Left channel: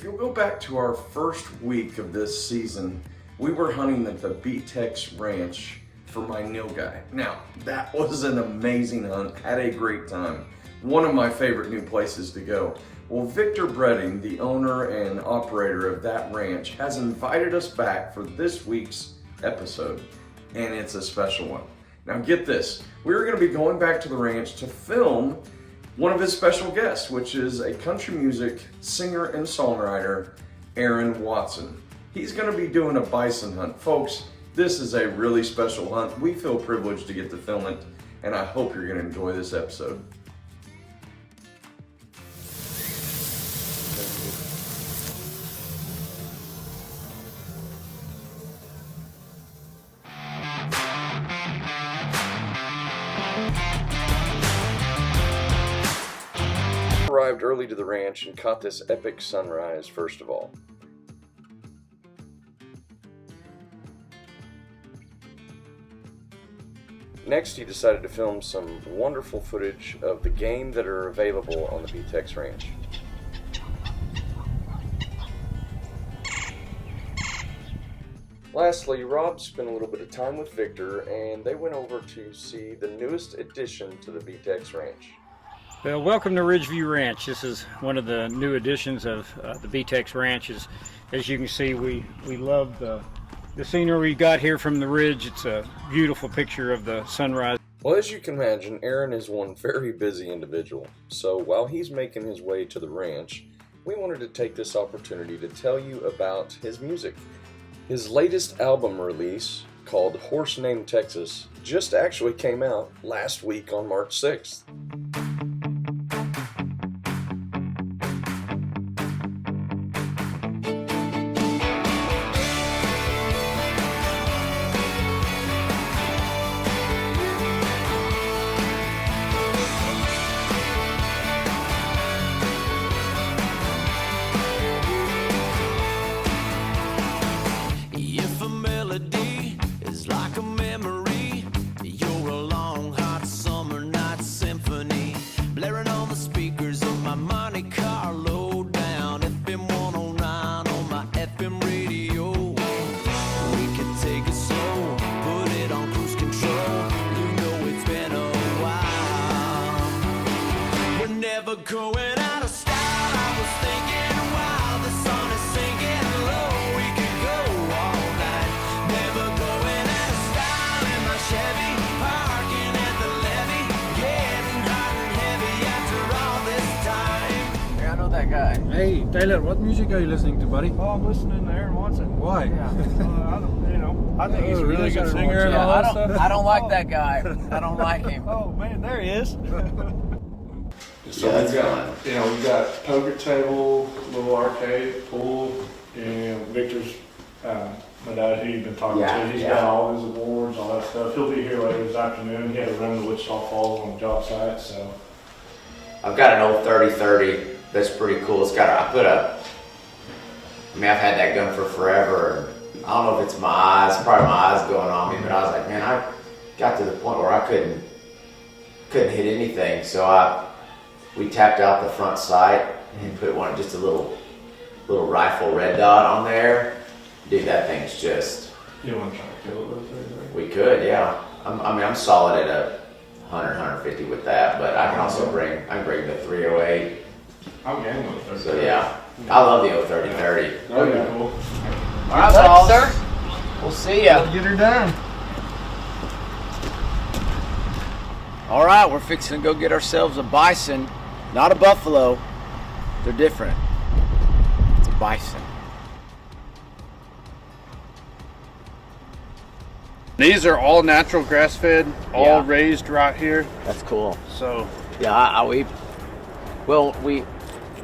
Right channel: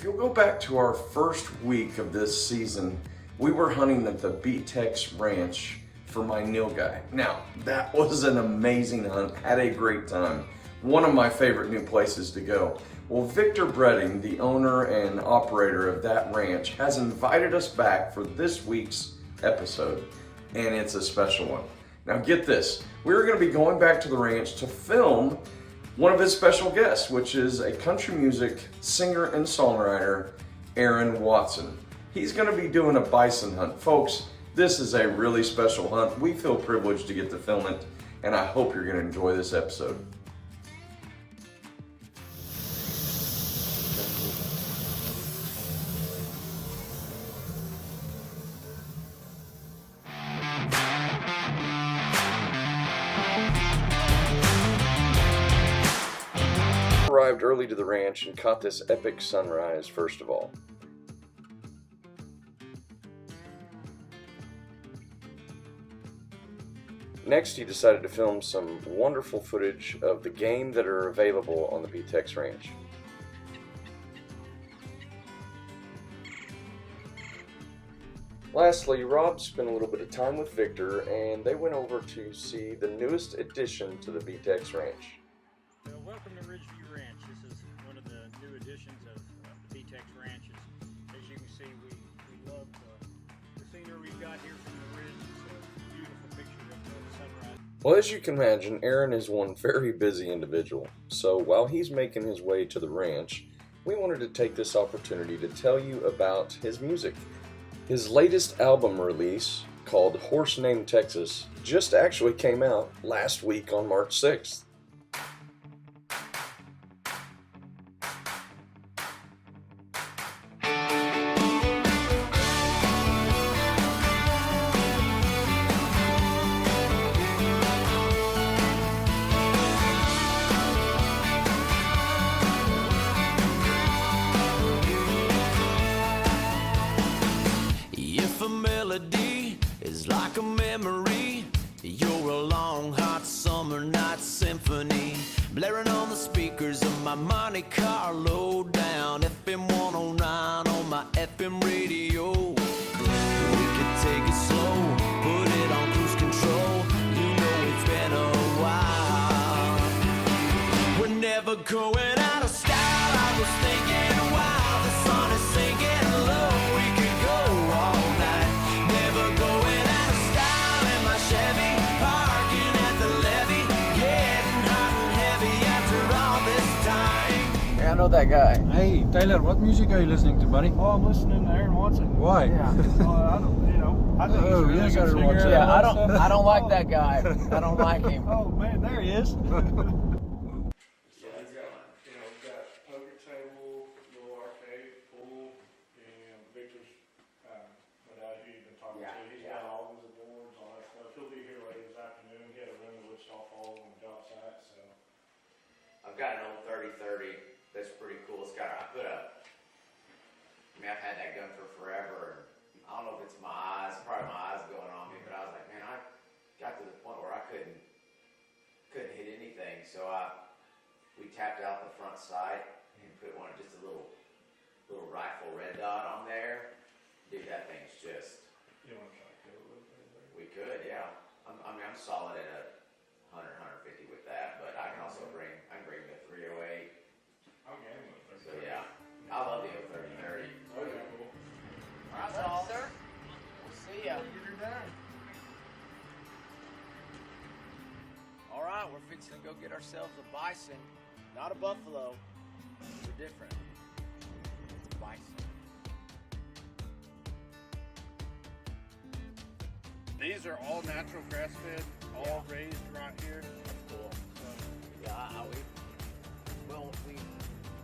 If you'll go back to our first week of this season, we were hunting at the B-Tex Ranch for my nilgai. Now, that was an amazing hunt, had a great time. One of my favorite new places to go. Well, Victor Bredding, the owner and operator of that ranch, has invited us back for this week's episode, and it's a special one. Now get this, we're gonna be going back to the ranch to film one of his special guests, which is a country music singer and songwriter, Aaron Watson. He's gonna be doing a bison hunt. Folks, this is a really special hunt. We feel privileged to get to film it, and I hope you're gonna enjoy this episode. Arrived early to the ranch and caught this epic sunrise first of all. Next, he decided to film some wonderful footage of the game that are available on the B-Tex Ranch. Lastly, Rob spent a little bit of time with Victor and they went over to see the newest addition to the B-Tex Ranch. Well, welcome to Ridgeview Ranch. This is one of the new additions of the B-Tex Ranch. As you can see, we love the scenery we got here from the ridge. It's a beautiful picture of the sunrise. Well, as you can imagine, Aaron is one very busy individual. So while he's making his way to the ranch, we wanted to take this opportunity to tell you about his music. His latest album release, called Horse Named Texas, just actually came out last week on March 6th. Is like a memory. You're a long hot summer night symphony, blaring on the speakers of my Monte Carlo down FM 109 on my FM radio. We could take it slow, put it on cruise control. You know it's been a while. We're never going out of style. I was thinking while the sun is sinking low, we could go all night. Never going out of style in my Chevy, parking at the levee, getting hot and heavy after all this time. Yeah, I know that guy. Hey, Taylor, what music are you listening to, buddy? Well, I'm listening to Aaron Watson. Why? Yeah. I don't, I think he's a really good singer. And Yeah, all that stuff. I don't like that guy. I don't like him. Oh man, there he is. So we've got poker table, little arcade, pool, and Victor's, my dad, who you've been talking to, he's got all his awards, all that stuff. He'll be here later this afternoon. He had to run to Wichita Falls on the job site, so. I've got an old 30-30 that's pretty cool. It's got I've had that gun for forever. And I don't know if it's my eyes, probably my eyes going on me, but I was like, man, I got to the point where I couldn't hit anything. So we tapped out the front sight and put just a little rifle red dot on there. Dude, that thing's just. You want to try to kill it with 30-30? We could, yeah. I'm solid at a 100, 150 with that, but I can also bring the 308. I'm game with 30-30. So yeah, I love the 30-30. That'd be cool. All right, boss. Sir. We'll see ya. Get her done. All right, we're fixing to go get ourselves a bison, not a buffalo. They're different. It's a bison. These are all natural grass-fed, all raised right here. That's cool. So Yeah,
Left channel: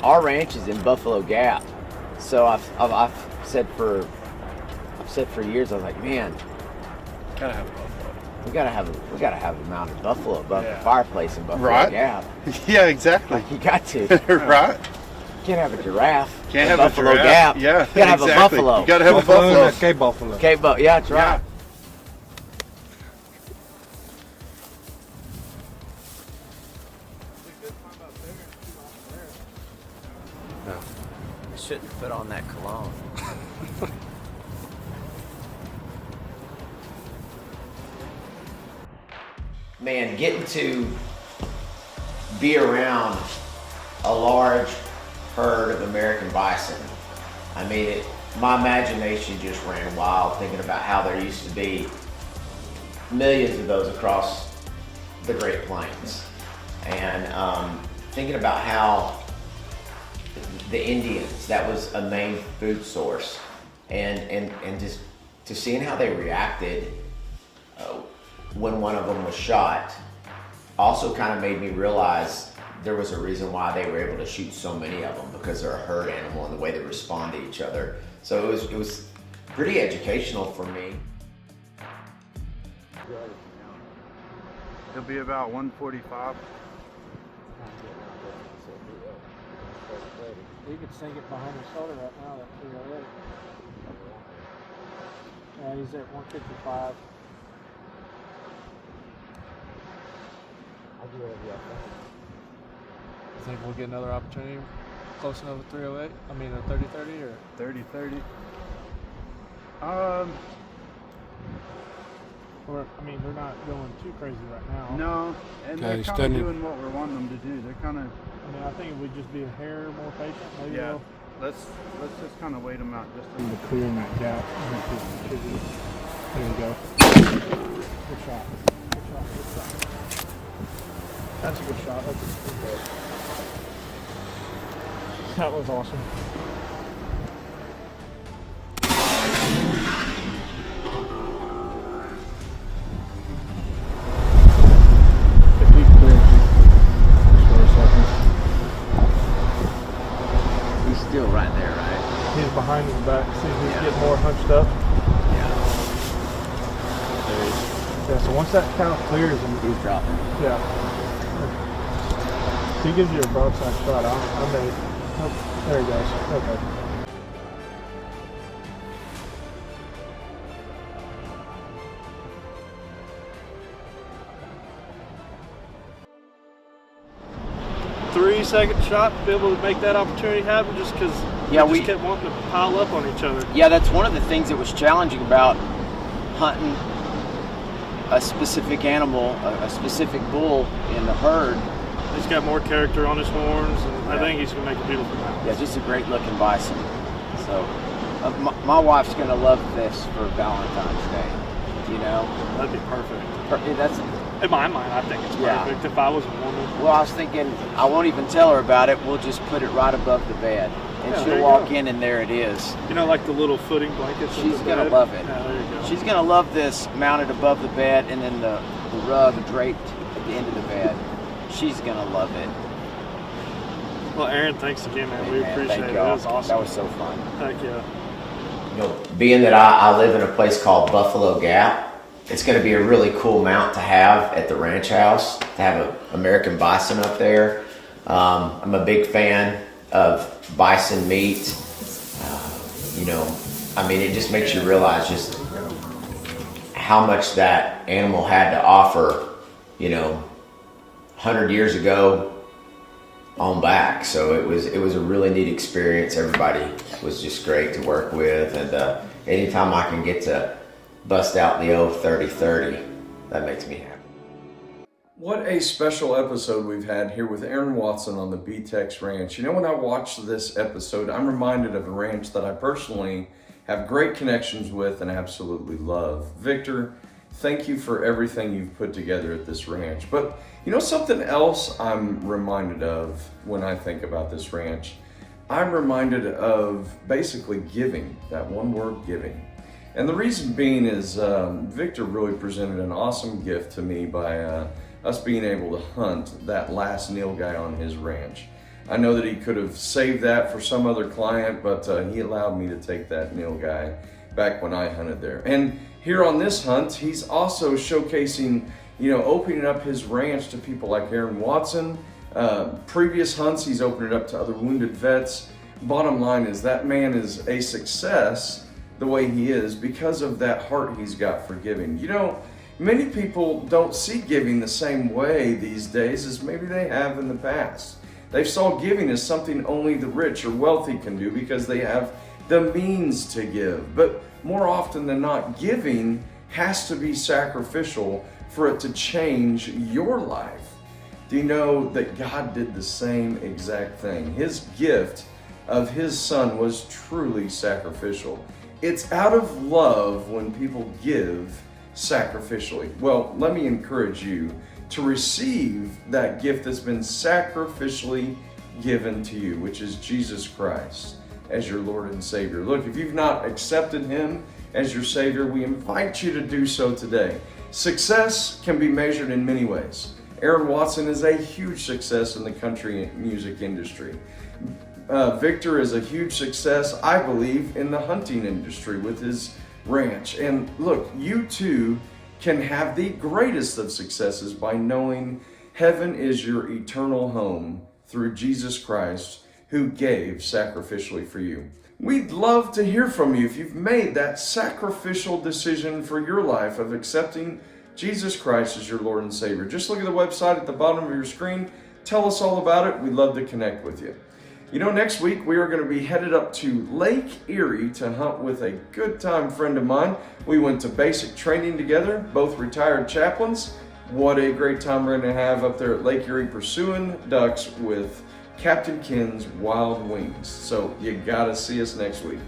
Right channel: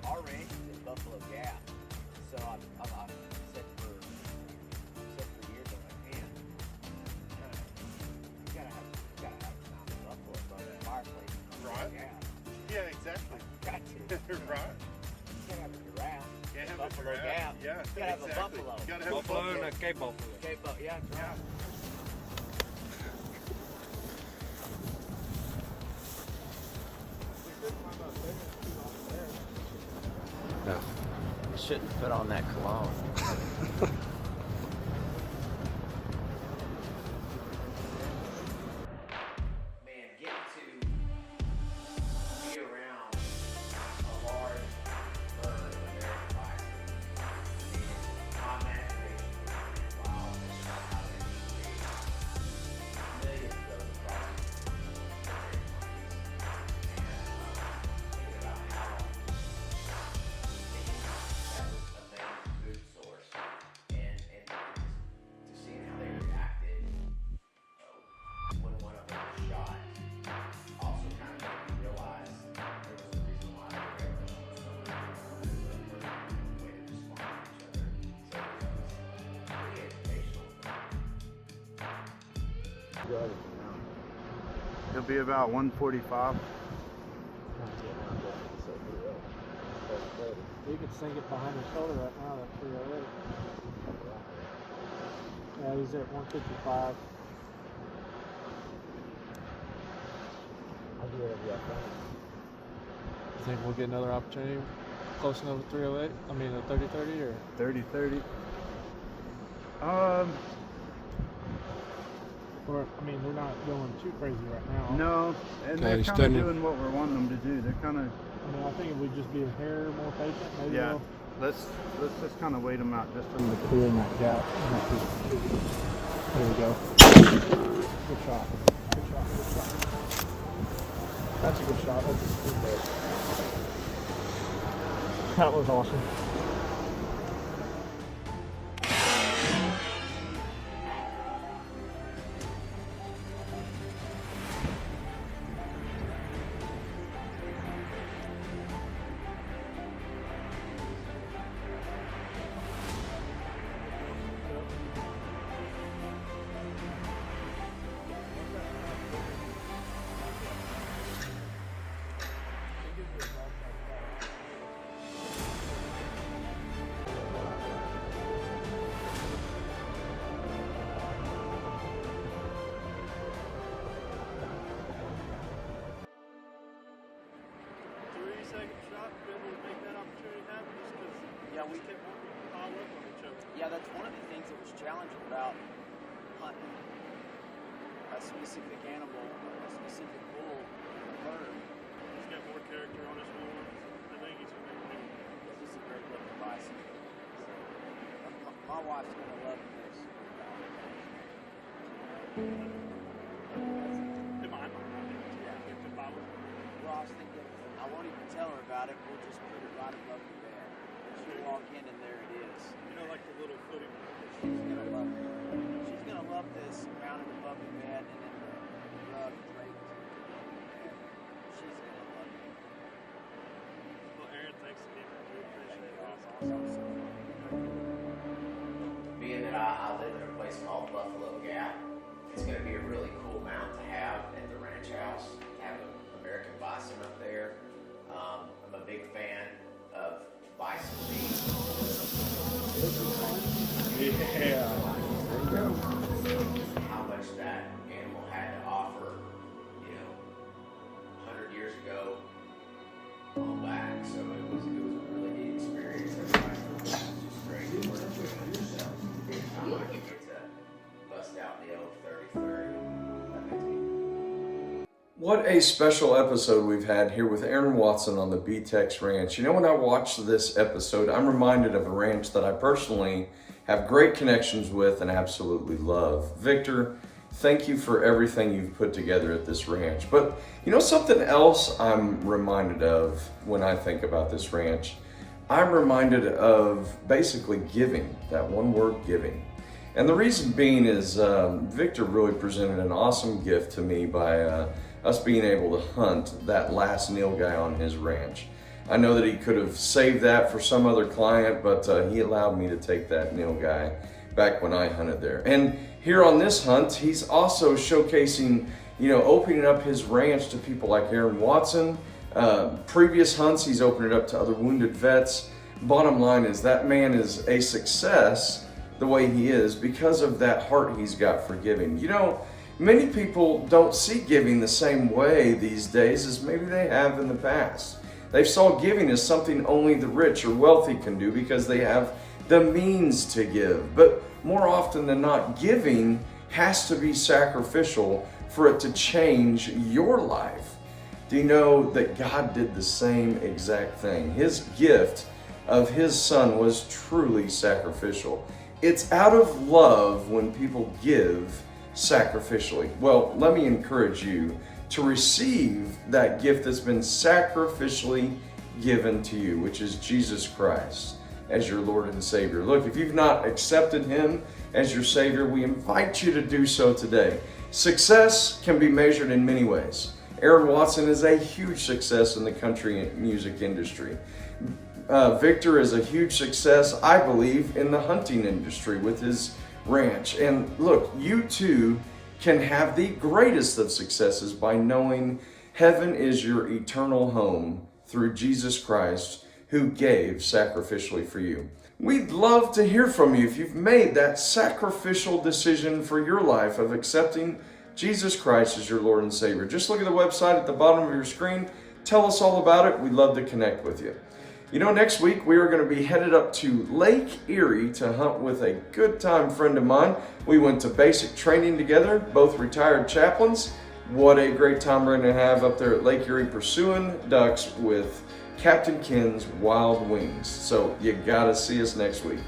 our ranch is in Buffalo Gap, so I've said for years, I was like, man, gotta have a buffalo. we gotta have a mounted buffalo above the fireplace in Buffalo Gap. Yeah, exactly. Like you got to. Right. You can't have a giraffe. Can't in have Buffalo a giraffe. Gap. Yeah, you gotta have a buffalo. You gotta have a buffalo. Cape buffalo. Yeah, that's right. shouldn't put on that cologne. Man, getting to be around a large herd of American bison, I mean, my imagination just ran wild thinking about how there used to be millions of those across the Great Plains. And thinking about how the Indians, that was a main food source. And just to seeing how they reacted when one of them was shot also kind of made me realize there was a reason why they were able to shoot so many of them, because they're a herd animal and the way they respond to each other. So it was pretty educational for me. It'll be about 145. We could sink it behind the shoulder right now. That's pretty already. Yeah, he's at 155. Think we'll get another opportunity close enough to 308? I mean, a 30-30 or 30-30. or I mean, they're not going too crazy right now. No, and they're kind of doing what we're wanting them to do. They're kind of. I mean, I think it would just be a hair more patient. Maybe Yeah. they'll Let's just kind of wait them out just to clear in that gap. There you go. Good shot. Good shot. Good shot. That's a good shot. That's a good goal. That was awesome. He's still right there, right? He's behind his back. See if he's getting more hunched up. Yeah, so once that count clears, and He's dropping. yeah. If he gives you a broadside shot, I may. Nope, there he goes. Okay. Three-second shot to be able to make that opportunity happen, just because we kept wanting to pile up on each other. Yeah, that's one of the things that was challenging about hunting a specific animal, a specific bull in the herd. He's got more character on his horns, and I think he's going to make a beautiful mount. Yeah, just a great looking bison. So, my wife's going to love this for Valentine's Day, you know? That'd be perfect. That's, In my mind, I think it's perfect. If I was a woman. well, I was thinking, I won't even tell her about it. We'll just put it right above the bed. And Yeah, there she'll you walk go. in and there it is. You know, like the little footing blankets. in She's the going to bed? love it. Yeah, there you go. She's going to love this mounted above the bed, and then the rug draped at the end of the bed. She's going to love it. Well, Aaron, thanks again, man. We Man, appreciate thank it. y'all. That was awesome. That was so fun. Heck yeah. You know, being that I live in a place called Buffalo Gap, it's going to be a really cool mount to have at the ranch house, to have an American bison up there. I'm a big fan of bison meat. You know, I mean, it just makes you realize just how much that animal had to offer, you know, 100 years ago on back. So it was a really neat experience. Everybody was just great to work with, and anytime I can get to bust out the old 30-30, that makes me happy. What a special episode we've had here with Aaron Watson on the B-Tex Ranch. You know, when I watched this episode, I'm reminded of a ranch that I personally have great connections with and absolutely love. Victor, thank you for everything you've put together at this ranch. But you know something else I'm reminded of when I think about this ranch? I'm reminded of basically giving, that one word, giving. And the reason being is Victor really presented an awesome gift to me by us being able to hunt that last nilgai on his ranch. I know that he could have saved that for some other client, but he allowed me to take that nilgai back when I hunted there. And here on this hunt, he's also showcasing, you know, opening up his ranch to people like Aaron Watson. Previous hunts, he's opened it up to other wounded vets. Bottom line is that man is a success the way he is because of that heart he's got for giving. You know, many people don't see giving the same way these days as maybe they have in the past. They saw giving as something only the rich or wealthy can do because they have the means to give. But more often than not, giving has to be sacrificial for it to change your life. Do you know that God did the same exact thing? His gift of His Son was truly sacrificial. It's out of love when people give sacrificially. Well, let me encourage you to receive that gift that's been sacrificially given to you, which is Jesus Christ as your Lord and Savior. Look, if you've not accepted Him as your Savior, we invite you to do so today. Success can be measured in many ways. Aaron Watson is a huge success in the country music industry. Victor is a huge success, I believe, in the hunting industry with his ranch. And look, you too can have the greatest of successes by knowing heaven is your eternal home through Jesus Christ, who gave sacrificially for you. We'd love to hear from you if you've made that sacrificial decision for your life of accepting Jesus Christ as your Lord and Savior. Just look at the website at the bottom of your screen. Tell us all about it. We'd love to connect with you. You know, next week we are going to be headed up to Lake Erie to hunt with a good time friend of mine. We went to basic training together, both retired chaplains. What a great time we're going to have up there at Lake Erie pursuing ducks with Captain Ken's Wild Wings. So you got to see us next week.